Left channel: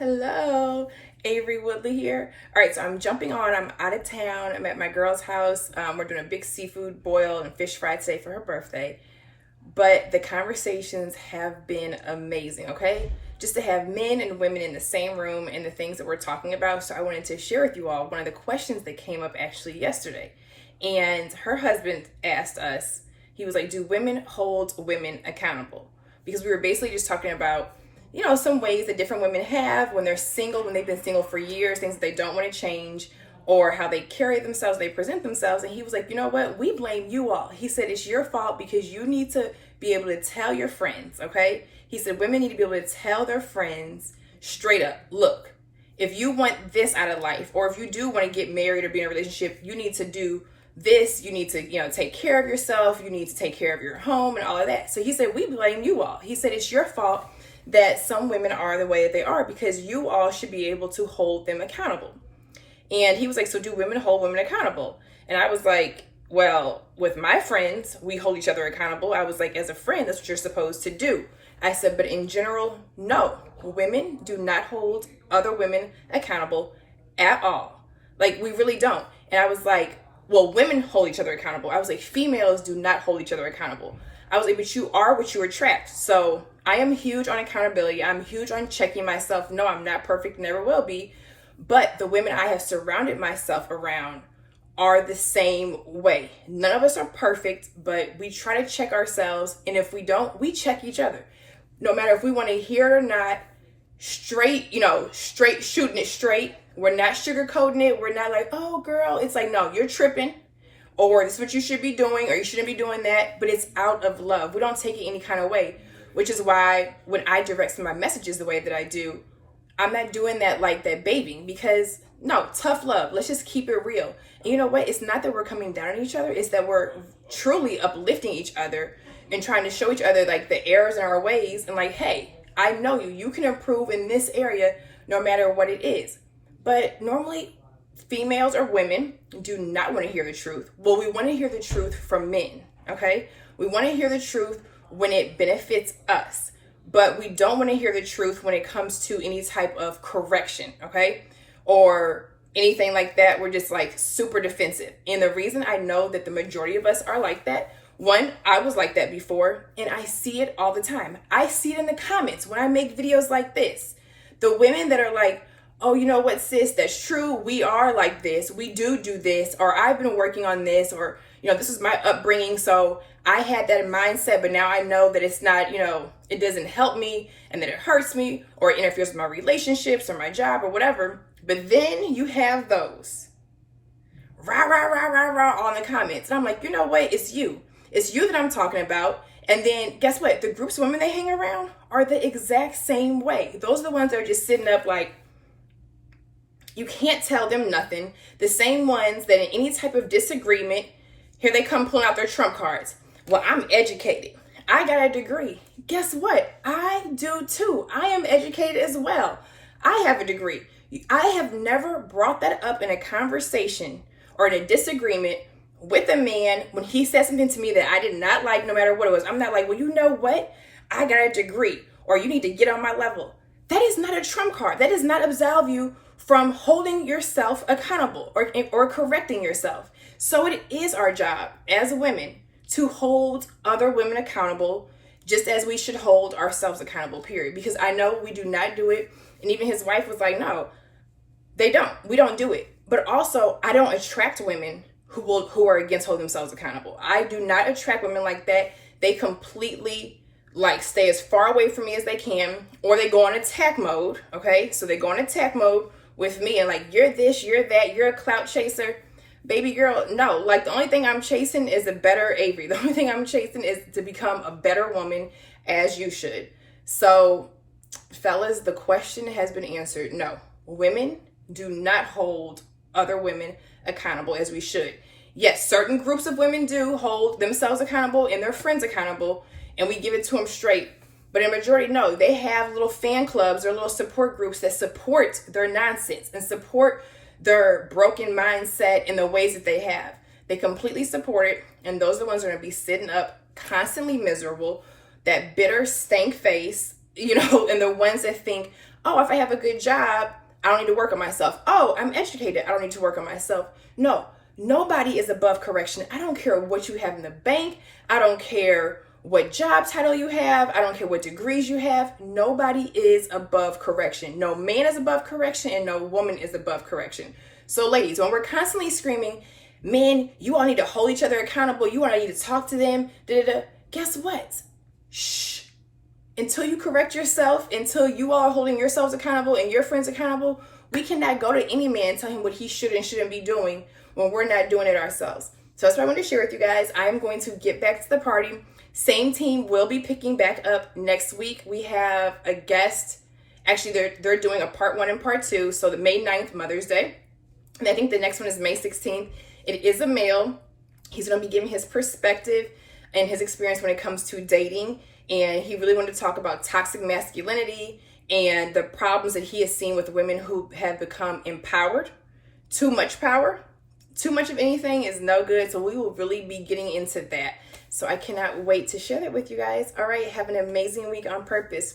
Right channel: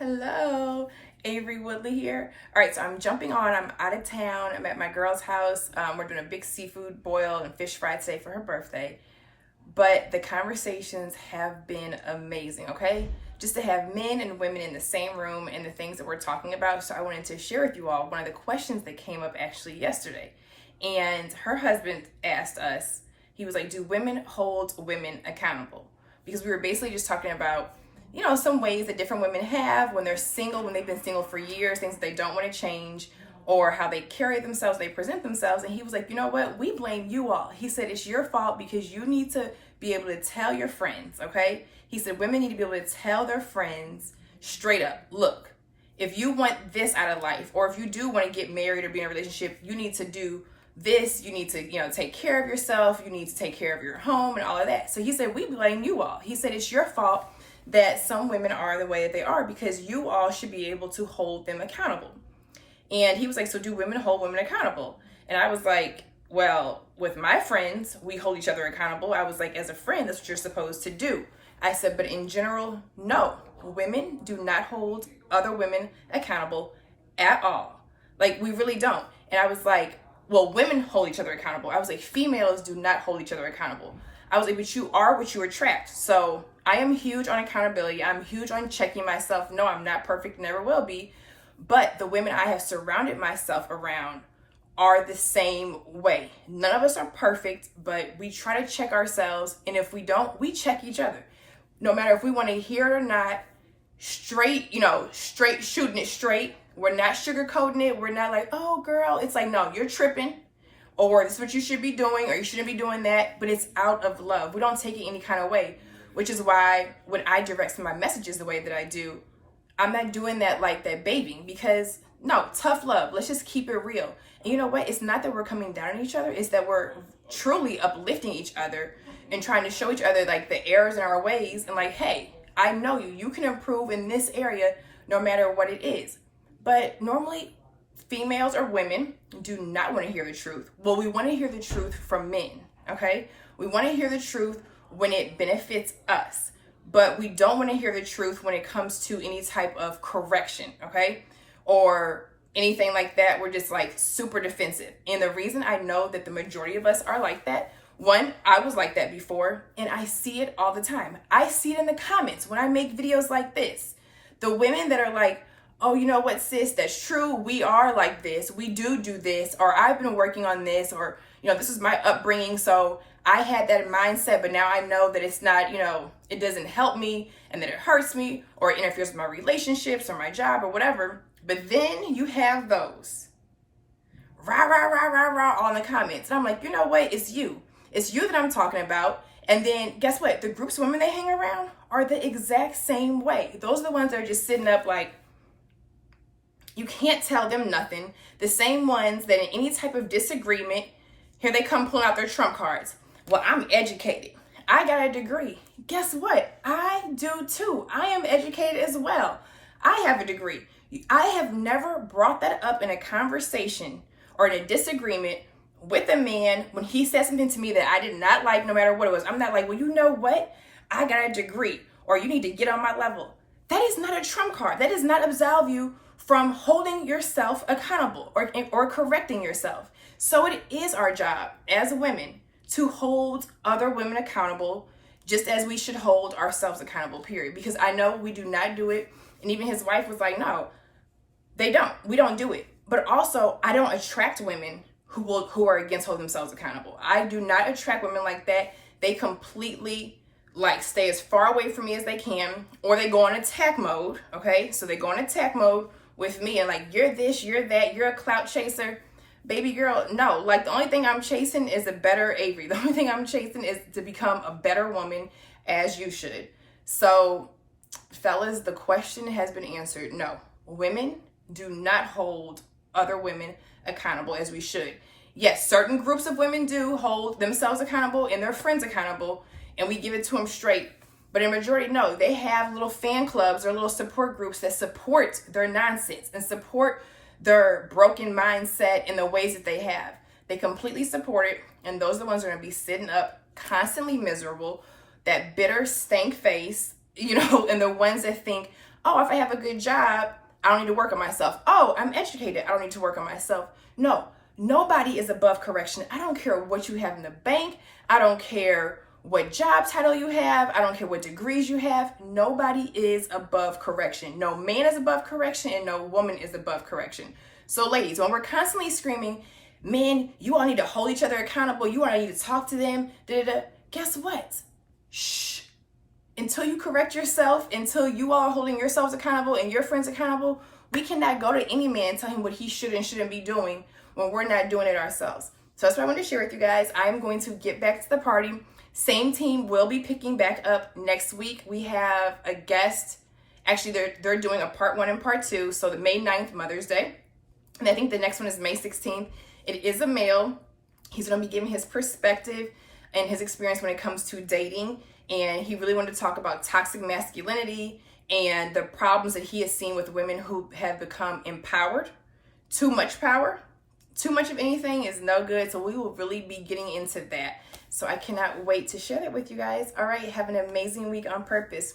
Hello, Avery Woodley here. All right, so I'm jumping on. I'm out of town. I'm at my girl's house. We're doing a big seafood boil and fish fry today for her birthday. But the conversations have been amazing, okay? Just to have men and women in the same room and the things that we're talking about. So I wanted to share with you all one of the questions that came up actually yesterday. And her husband asked us, he was like, do women hold women accountable? Because we were basically just talking about some ways that different women have when they're single, when they've been single for years, things that they don't want to change, or how they carry themselves, they present themselves. And he was like, you know what? We blame you all. He said, it's your fault because you need to be able to tell your friends, okay? He said, women need to be able to tell their friends straight up, look, if you want this out of life, or if you do want to get married or be in a relationship, you need to do this, you need to, take care of yourself, you need to take care of your home and all of that. So he said, we blame you all. He said, it's your fault that some women are the way that they are because you all should be able to hold them accountable. And he was like, so do women hold women accountable? And I was like, well, with my friends, we hold each other accountable. I was like, as a friend, that's what you're supposed to do. I said, but in general, no. Women do not hold other women accountable at all. Like, we really don't. And I was like, well, women hold each other accountable. I was like, females do not hold each other accountable. I was like, but you are what you attract. So I am huge on accountability. I'm huge on checking myself. No, I'm not perfect, never will be. But the women I have surrounded myself around are the same way. None of us are perfect, but we try to check ourselves. And if we don't, we check each other. No matter if we want to hear it or not, straight shooting it straight. We're not sugarcoating it. We're not like, oh girl, it's like, no, you're tripping. Or this is what you should be doing, or you shouldn't be doing that, but it's out of love. We don't take it any kind of way, which is why when I direct some of my messages the way that I do, I'm not doing that like that babying, because no, tough love. Let's just keep it real. And you know what? It's not that we're coming down on each other. It's that we're truly uplifting each other and trying to show each other like the errors in our ways and like, hey, I know you. You can improve in this area no matter what it is. But normally, females or women do not want to hear the truth. Well, we want to hear the truth from men, okay? We want to hear the truth when it benefits us, but we don't want to hear the truth when it comes to any type of correction, okay? Or anything like that. We're just like super defensive. And the reason I know that the majority of us are like that, one, I was like that before, and I see it all the time. I see it in the comments when I make videos like this. The women that are like, oh, you know what, sis, that's true. We are like this. We do this, or I've been working on this, or, this is my upbringing. So I had that mindset, but now I know that it's not, it doesn't help me and that it hurts me or it interferes with my relationships or my job or whatever. But then you have those rah, rah, rah, rah, rah all in the comments. And I'm like, you know what? It's you. It's you that I'm talking about. And then guess what? The groups of women they hang around are the exact same way. Those are the ones that are just sitting up like, you can't tell them nothing. The same ones that in any type of disagreement, here they come pulling out their trump cards. Well, I'm educated. I got a degree. Guess what? I do too. I am educated as well. I have a degree. I have never brought that up in a conversation or in a disagreement with a man when he said something to me that I did not like, no matter what it was. I'm not like, well, you know what? I got a degree, or you need to get on my level. That is not a trump card. That does not absolve you from holding yourself accountable or correcting yourself. So it is our job as women to hold other women accountable, just as we should hold ourselves accountable, period. Because I know we do not do it. And even his wife was like, no, they don't. We don't do it. But also, I don't attract women who are against holding themselves accountable. I do not attract women like that. They completely stay as far away from me as they can, or they go on attack mode. Okay. So they go on attack mode with me and like, you're this, you're that, you're a clout chaser. Baby girl, no. The only thing I'm chasing is a better Avery. The only thing I'm chasing is to become a better woman, as you should. So, fellas, the question has been answered. No, women do not hold other women accountable as we should. Yes, certain groups of women do hold themselves accountable and their friends accountable, and we give it to them straight. But in majority, no, they have little fan clubs or little support groups that support their nonsense and support their broken mindset in the ways that they have. They completely support it. And those are the ones that are going to be sitting up constantly miserable, that bitter stank face, and the ones that think, Oh, if I have a good job, I don't need to work on myself. Oh, I'm educated, I don't need to work on myself. No, nobody is above correction. I don't care what you have in the bank. I don't care what job title you have. I don't care what degrees you have. Nobody is above correction. No man is above correction and no woman is above correction. So ladies, when we're constantly screaming, man, you all need to hold each other accountable, you all need to talk to them, guess what? Shh. Until you correct yourself, until you all are holding yourselves accountable and your friends accountable, we cannot go to any man and tell him what he should and shouldn't be doing when we're not doing it ourselves. So that's what I wanted to share with you guys. I am going to get back to the party. Same team will be picking back up next week. We have a guest. Actually, they're doing a part 1 and part 2. So the May 9th, Mother's Day. And I think the next one is May 16th. It is a male. He's going to be giving his perspective and his experience when it comes to dating. And he really wanted to talk about toxic masculinity and the problems that he has seen with women who have become empowered. Too much power, too much of anything is no good. So we will really be getting into that. So I cannot wait to share that with you guys. All right, have an amazing week on purpose.